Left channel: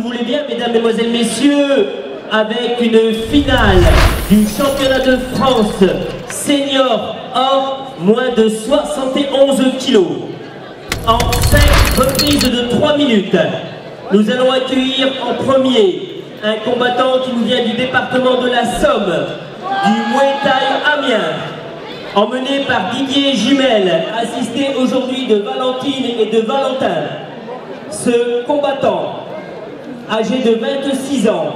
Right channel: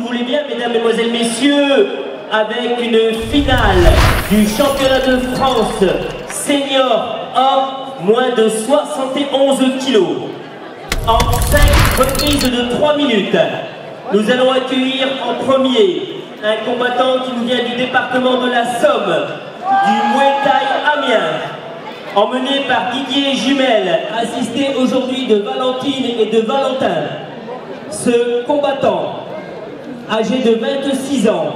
le voulez bien, mesdames, mesdemoiselles, messieurs, avec une finale du championnat de France senior homme moins de 71 kilos. En 5 reprises de 3 minutes, nous allons accueillir en premier un combattant qui nous vient du département de la Somme, du Muay Thai Amiens, emmené par Didier Jumel, assisté aujourd'hui de Valentine et de Valentin. Ce combattant, âgé de 26 ans,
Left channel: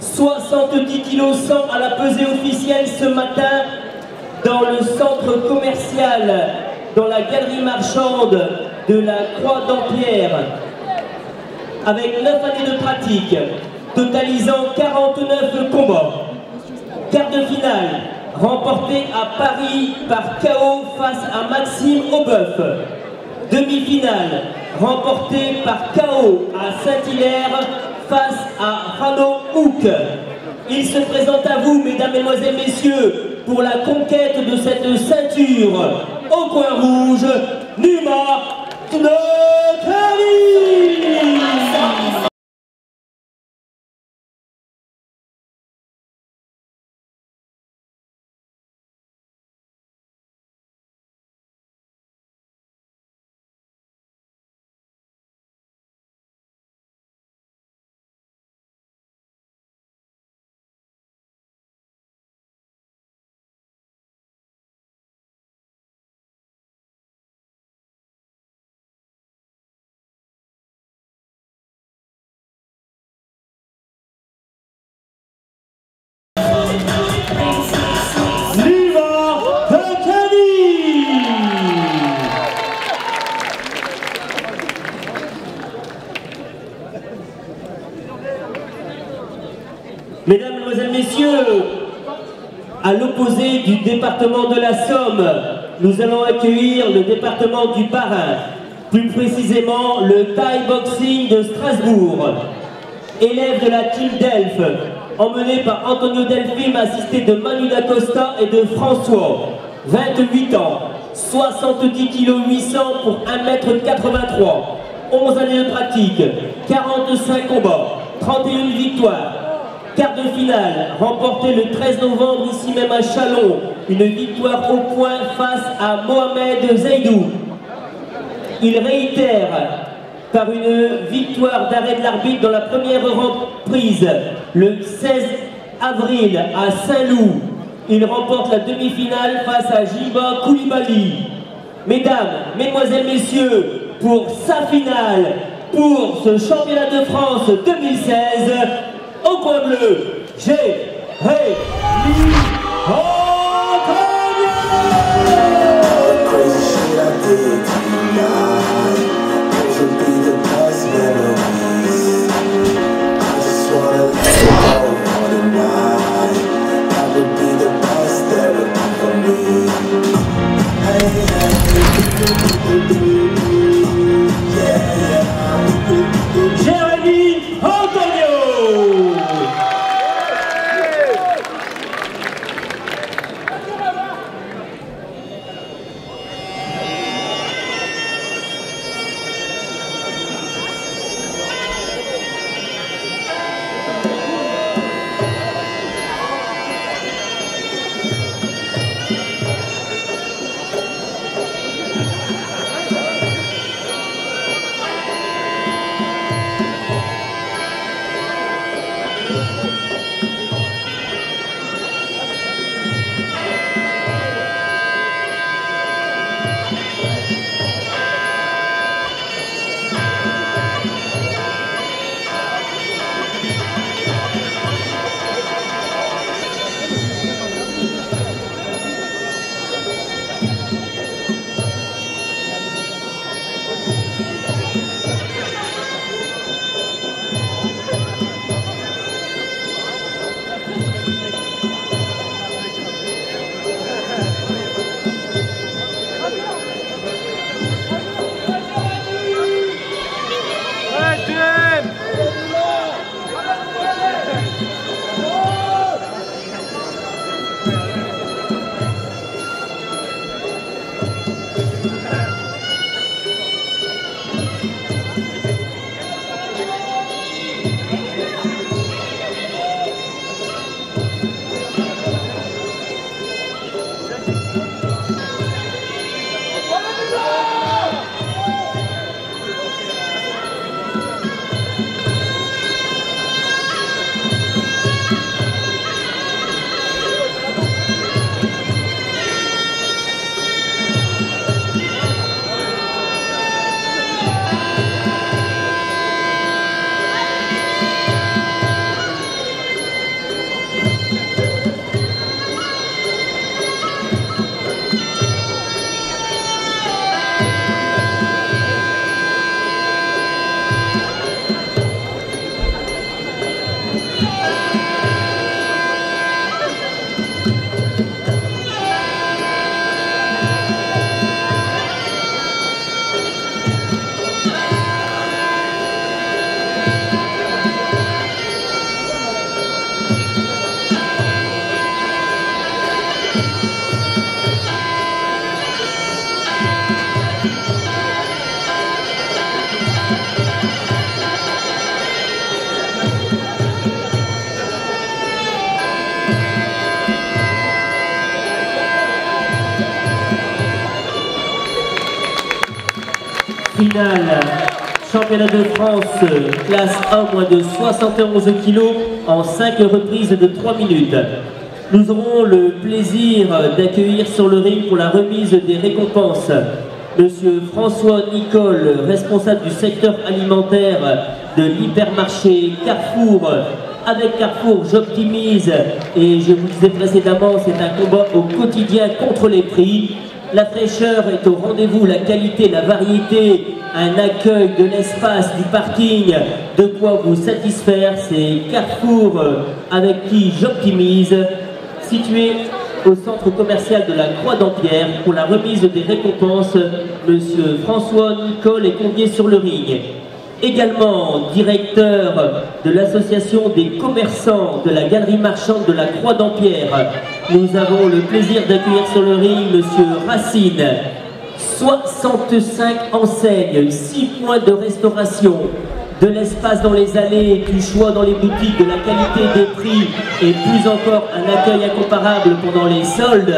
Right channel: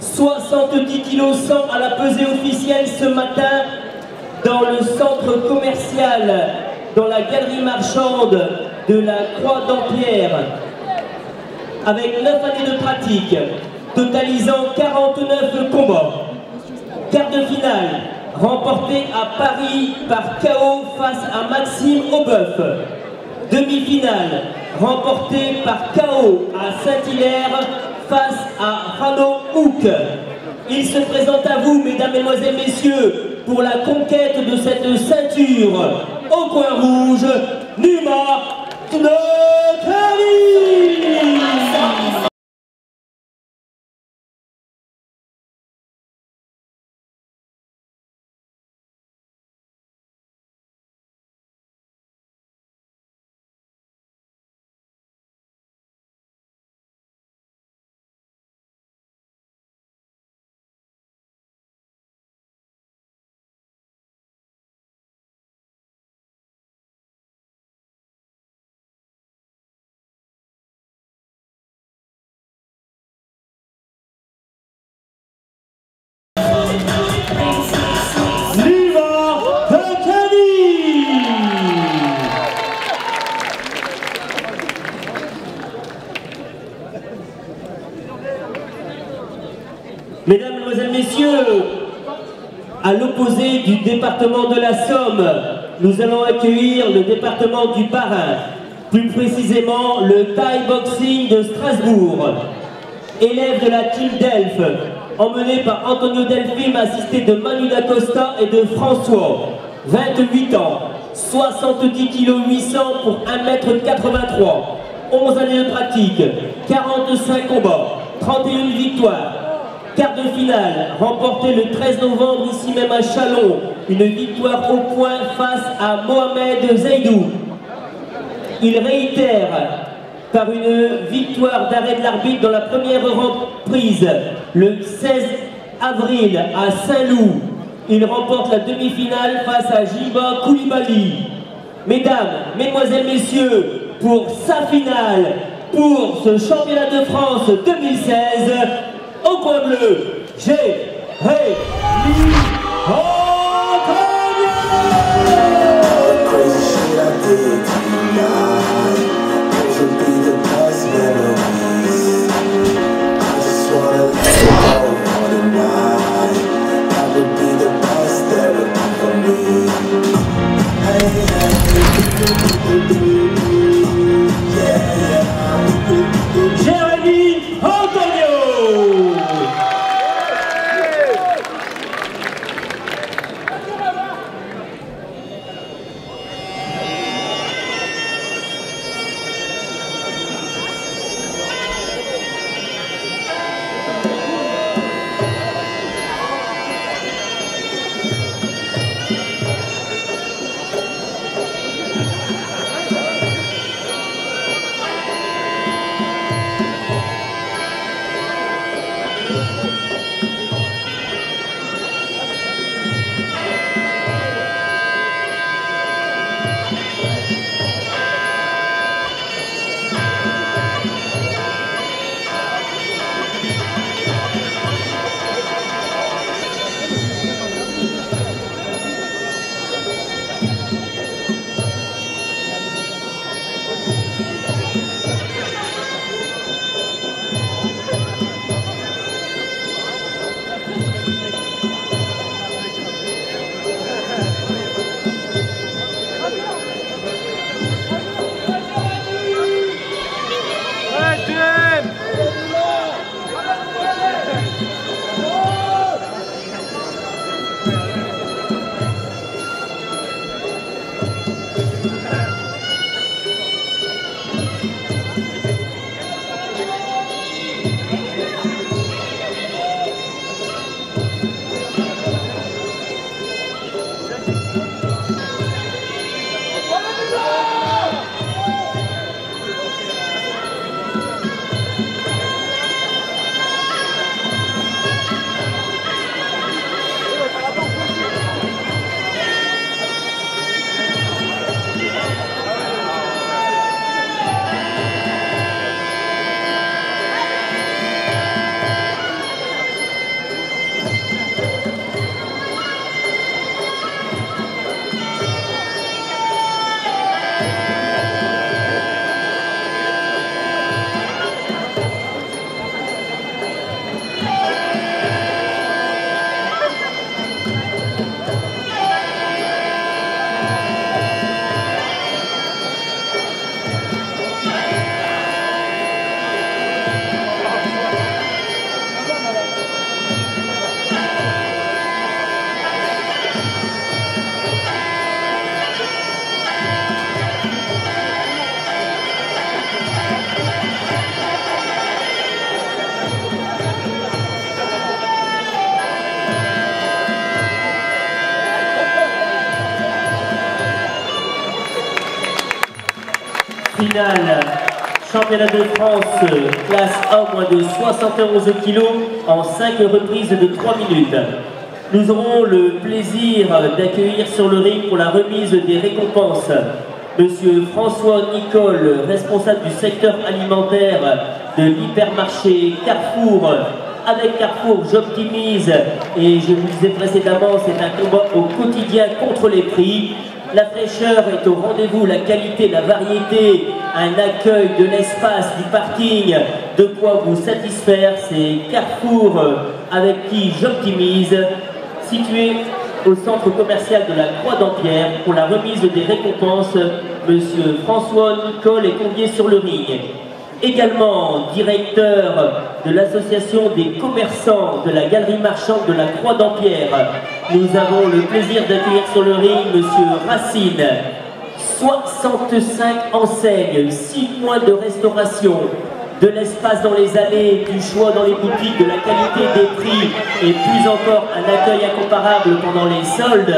70 kg 100 à la pesée officielle ce matin dans le centre commercial, dans la galerie marchande de la Croix d'Ampierre, avec 9 années de pratique, totalisant 49 combats. Quart de finale, remporté à Paris par KO face à Maxime Aubeuf. Demi-finale, remporté par KO à Saint-Hilaire face à Rano Houk. Il se présente à vous, mesdames, mesdemoiselles, messieurs, pour la conquête de cette ceinture au coin rouge, Numa Tnekari. Mesdames, Mesdemoiselles, Messieurs, à l'opposé du département de la Somme, nous allons accueillir le département du Bas-Rhin, plus précisément le Thai Boxing de Strasbourg. Élève de la team Delphes, emmené par Antonio Delphine, assisté de Manu Dacosta et de François, 28 ans, 70 kg 800 pour 1,83 m, 11 années de pratique, 45 combats, 31 victoires. Quart de finale, remporté le 13 novembre ici même à Chalon, une victoire au point face à Mohamed Zaidou. Il réitère par une victoire d'arrêt de l'arbitre dans la première reprise le 16 avril à Saint-Loup. Il remporte la demi-finale face à Jiba Koulibaly. Mesdames, Mesdemoiselles, Messieurs, pour sa finale, pour ce championnat de France 2016, au coin bleu, j'ai Rémi Finale, championnat de France, classe 1 moins de 71 kg en 5 reprises de 3 minutes. Nous aurons le plaisir d'accueillir sur le ring pour la remise des récompenses Monsieur François Nicole, responsable du secteur alimentaire de l'hypermarché Carrefour. Avec Carrefour, j'optimise et je vous le disais précédemment, c'est un combat au quotidien contre les prix. La fraîcheur est au rendez-vous, la qualité, la variété, un accueil de l'espace, du parking, de quoi vous satisfaire. C'est Carrefour avec qui j'optimise, situé au centre commercial de la Croix-d'Ampierre. Pour la remise des récompenses, Monsieur François Nicole est convié sur le ring. Également directeur de l'association des commerçants de la galerie marchande de la Croix-d'Ampierre. Nous avons le plaisir d'accueillir sur le ring Monsieur Racine. 65 enseignes, 6 points de restauration, de l'espace dans les allées, du choix dans les boutiques, de la qualité des prix et plus encore un accueil incomparable pendant les soldes.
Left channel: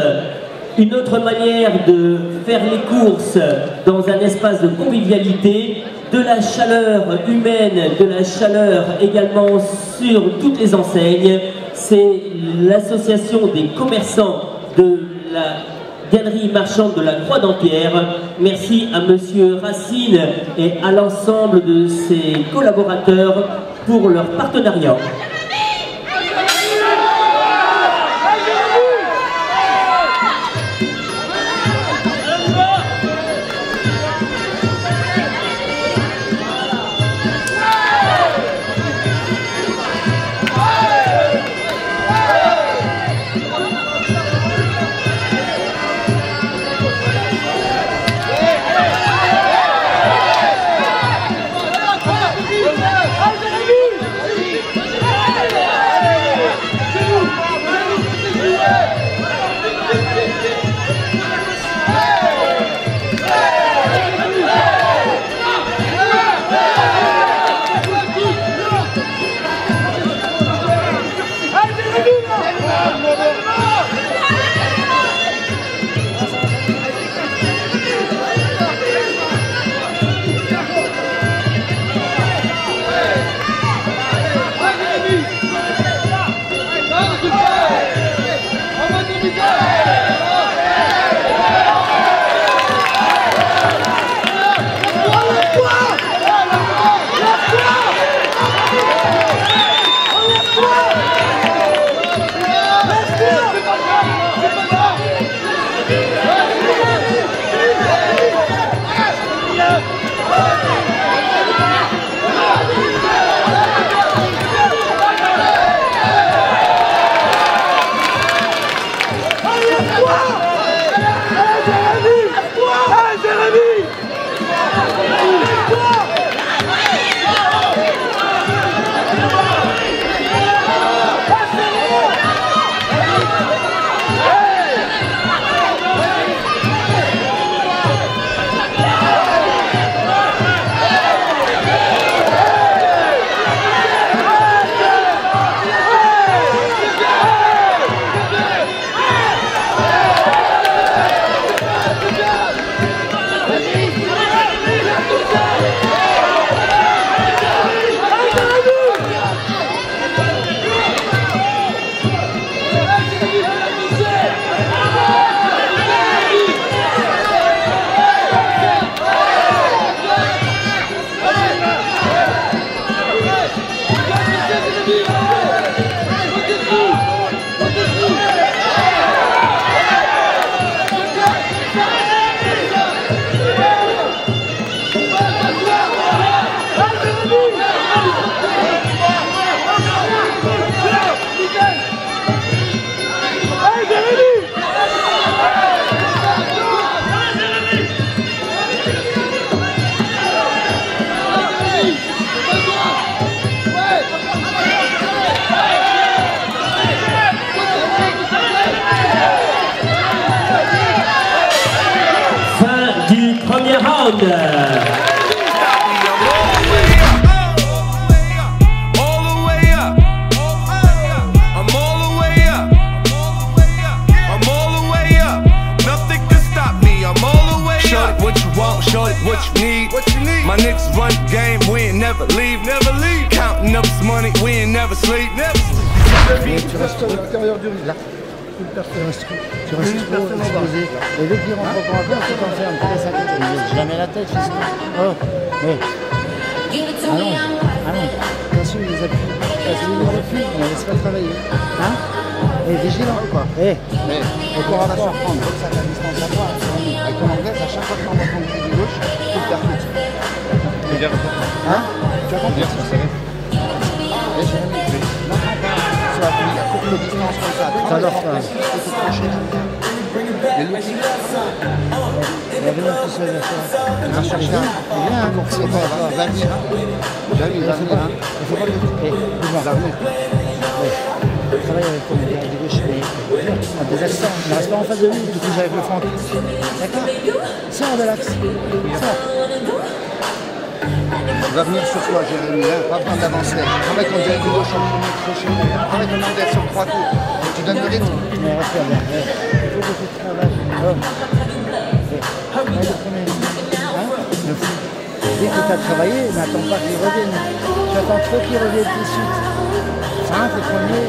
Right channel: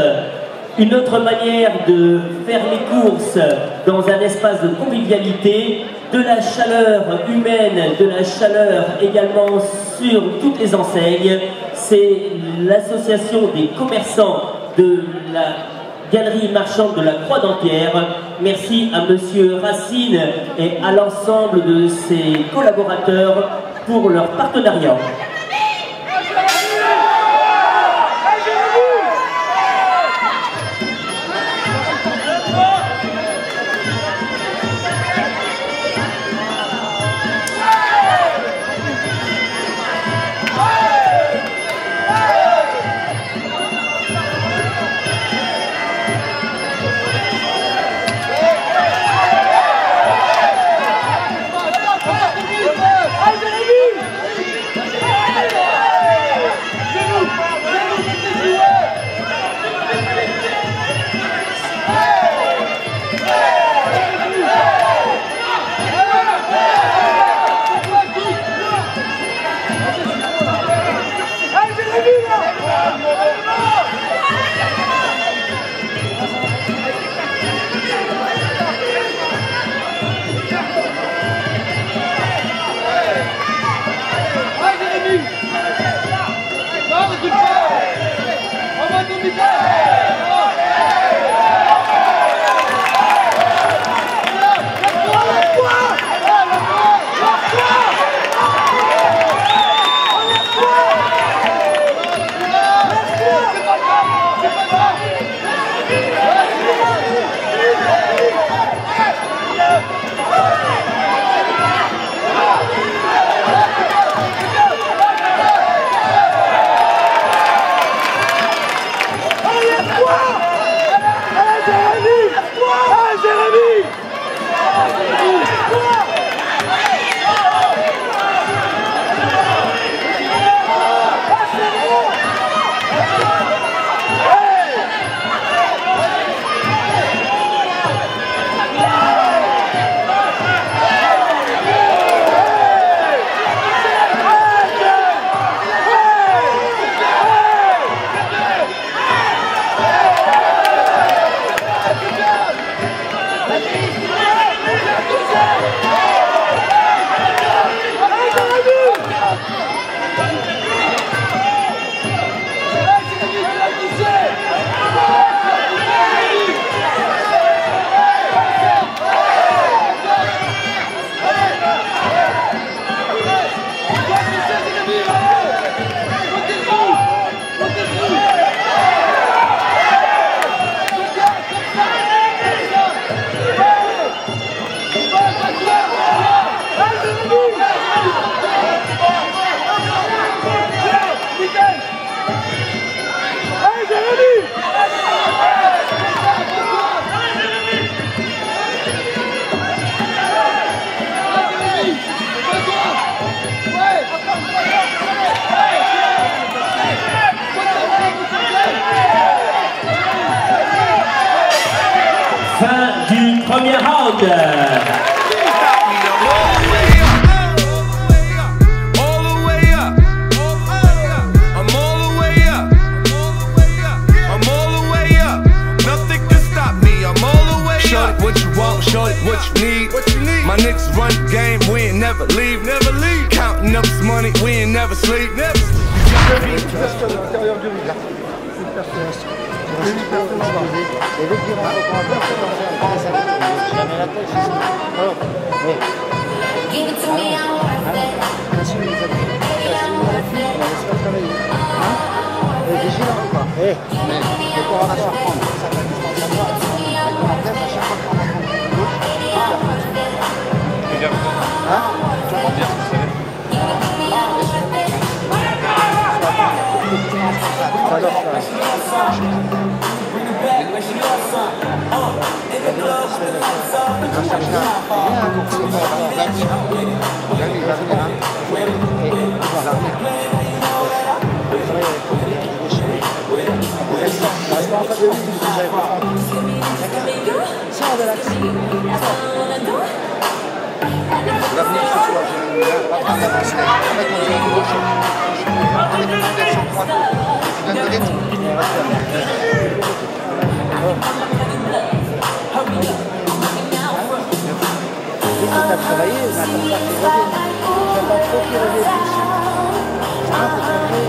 Une autre manière de faire les courses dans un espace de convivialité, de la chaleur humaine, de la chaleur également sur toutes les enseignes. C'est l'association des commerçants de la galerie marchande de la Croix-d'Ampierre. Merci à Monsieur Racine et à l'ensemble de ses collaborateurs pour leur partenariat. round. Shorty, what you need? My niggas run the game, we ain't never leave. Counting up this money, we ain't never sleep. Tu restes à l'intérieur du ring. Tu restes trop exposé. Et dès qu'il rentre encore à terre, tu t'enfermes. Jamais la tête, jusqu'au. Oh, hé. Allonge, allonge. Casse-lui les appuis. Casse-lui les appuis. Laisse-le travailler. Hein? Et vigilant. Hé. Et corps à corps. Ça fait une distance à toi. Les commentaires, ça chaque fois qu'on entend. Hein? J'adore ça. Il y a bien tout seul. Rien qu'on ne soit pas encore là. Il faut pas travailler avec toi. Des accents, ne reste pas en face de lui, tout que j'avais le fond en plus. D'accord? Sors de l'axe. Sors. Tu vas venir ce soir, je vais pas faire d'avancer. Je vais poser la gauche. Avec un inverse en 3 coups. Tu donnes le rythme. Mais reste bien. Dès que tu as travaillé, n'attends pas qu'il revienne. J'attends trop qu'il revienne tout de suite. Simple, le premier,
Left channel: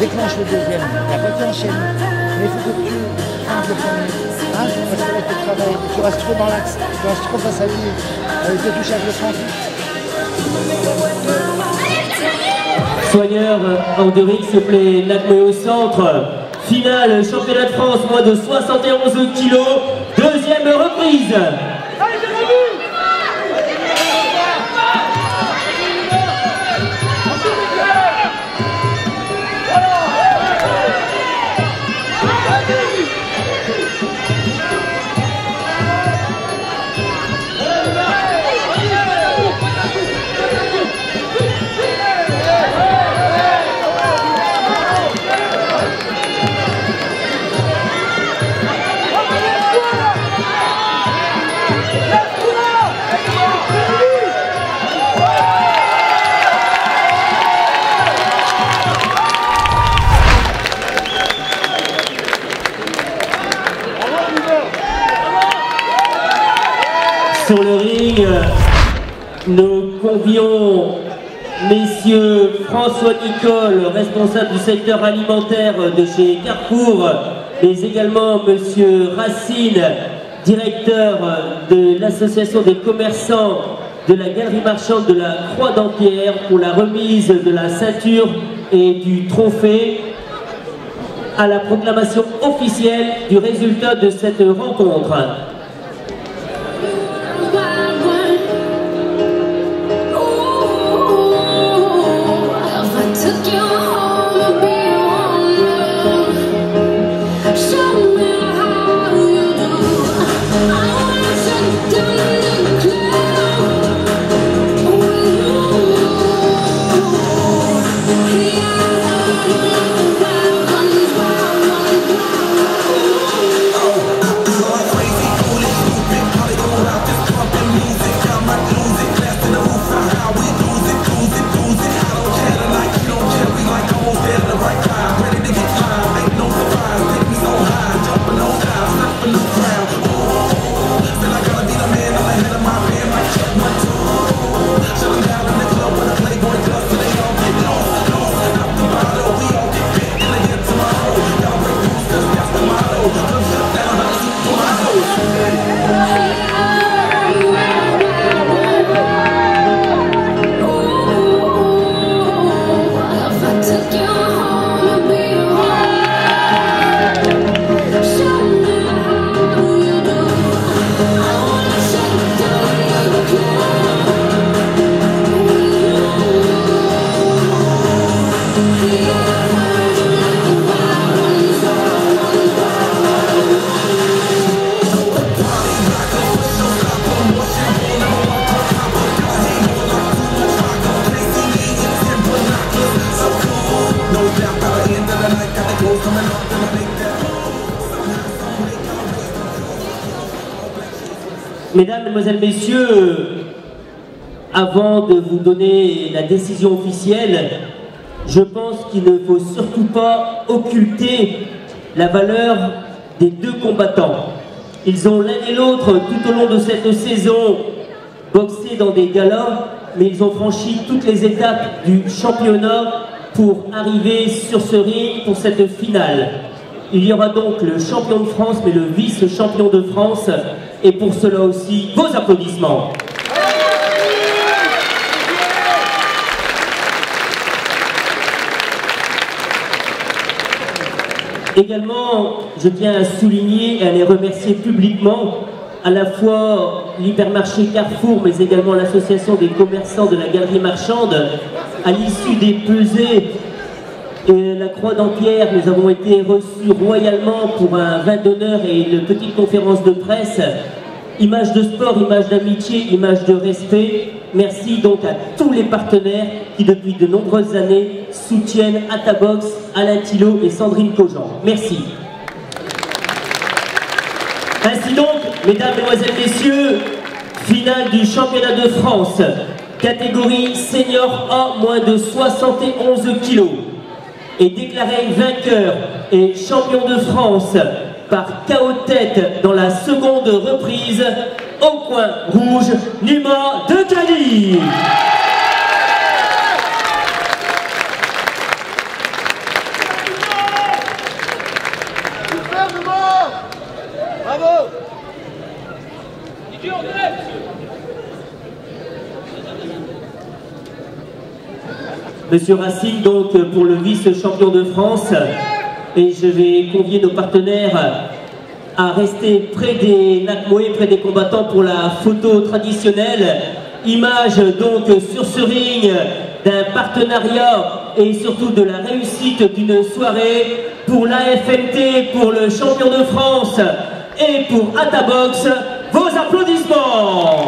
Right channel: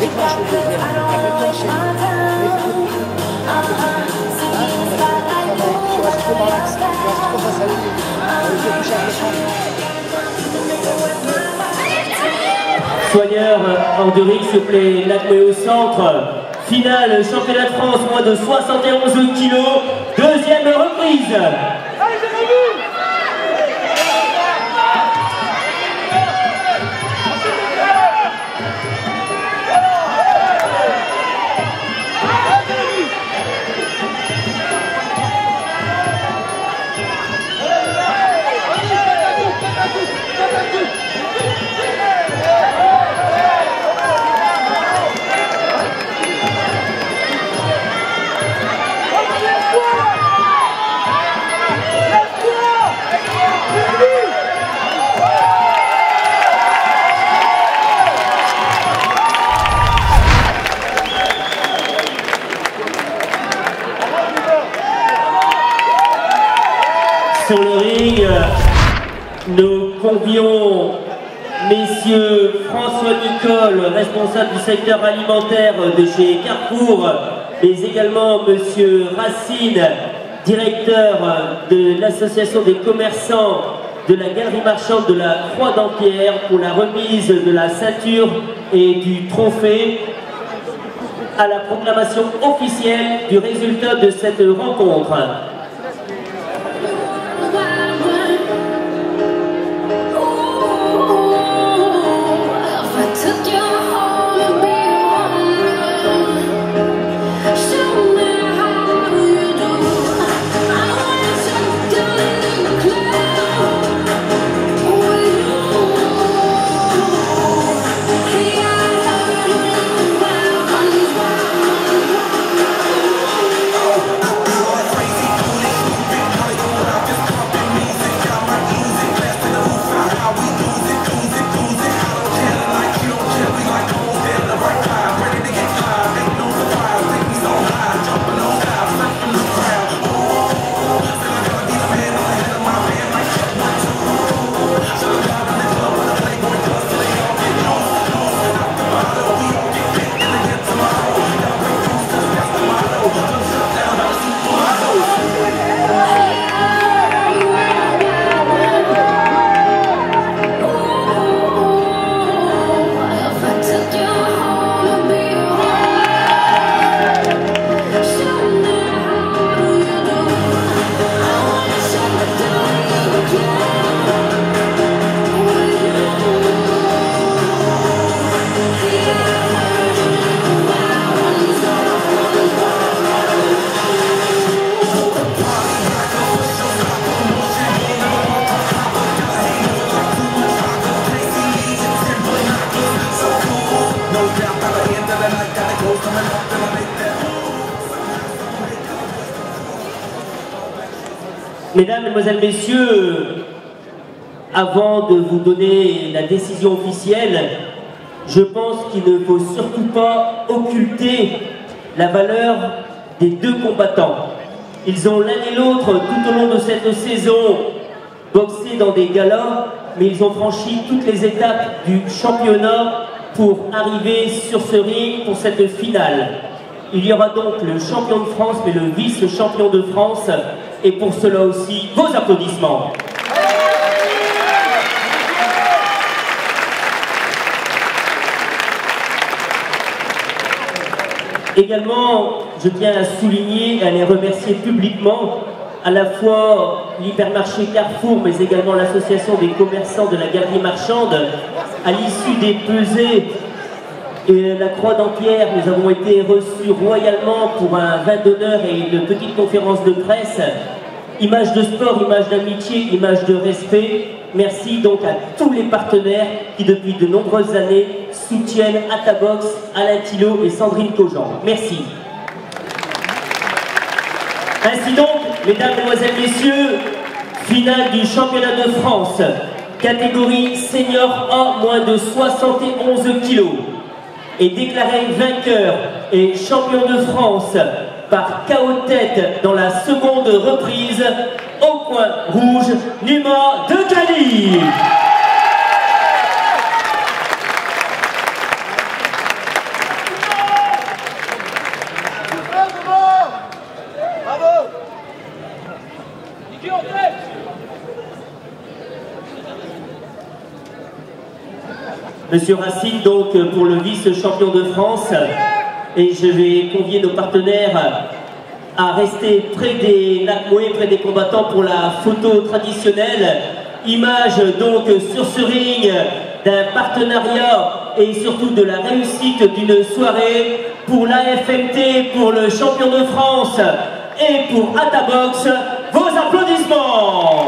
déclenche le deuxième. Et après tu enchaînes. Mais il faut que tu simple le premier. Hein? Parce que tu travailles. Tu restes trop dans l'axe. Tu restes trop face à lui. Tu touches avec le front. Soigneur Andoric, s'il vous plaît, l'admet au centre. Finale, championnat de France, moins de 71 kilos. Deuxième reprise. Allez, j'ai vu. Sur le ring, nous convions messieurs François Nicole, responsable du secteur alimentaire de chez Carrefour, mais également monsieur Racine, directeur de l'association des commerçants de la galerie marchande de la Croix d'Empierre pour la remise de la ceinture et du trophée à la proclamation officielle du résultat de cette rencontre. Crazy. Mesdames, Mesdemoiselles, Messieurs, avant de vous donner la décision officielle, je pense qu'il ne faut surtout pas occulter la valeur des deux combattants. Ils ont l'un et l'autre, tout au long de cette saison, boxé dans des galas, mais ils ont franchi toutes les étapes du championnat pour arriver sur ce ring pour cette finale. Il y aura donc le champion de France, mais le vice-champion de France, et pour cela aussi, vos applaudissements. Également, je tiens à souligner et à les remercier publiquement à la fois l'hypermarché Carrefour, mais également l'association des commerçants de la galerie marchande. À l'issue des pesées et la Croix d'Empierre, nous avons été reçus royalement pour un vin d'honneur et une petite conférence de presse. Image de sport, image d'amitié, image de respect. Merci donc à tous les partenaires qui depuis de nombreuses années soutiennent Atabox, Alain Thillot et Sandrine Cogent. Merci. Ainsi donc, mesdames, mesdemoiselles, messieurs, finale du championnat de France, catégorie senior A, moins de 71 kilos, est déclaré vainqueur et champion de France par KO tête dans la seconde reprise, au coin rouge, Numa de Cali. Monsieur Racine, donc, pour le vice-champion de France, et je vais convier nos partenaires à rester près des Nakmoé, près des combattants pour la photo traditionnelle. Image donc sur ce ring d'un partenariat et surtout de la réussite d'une soirée pour l'AFMT, pour le champion de France et pour Atabox. Vos applaudissements.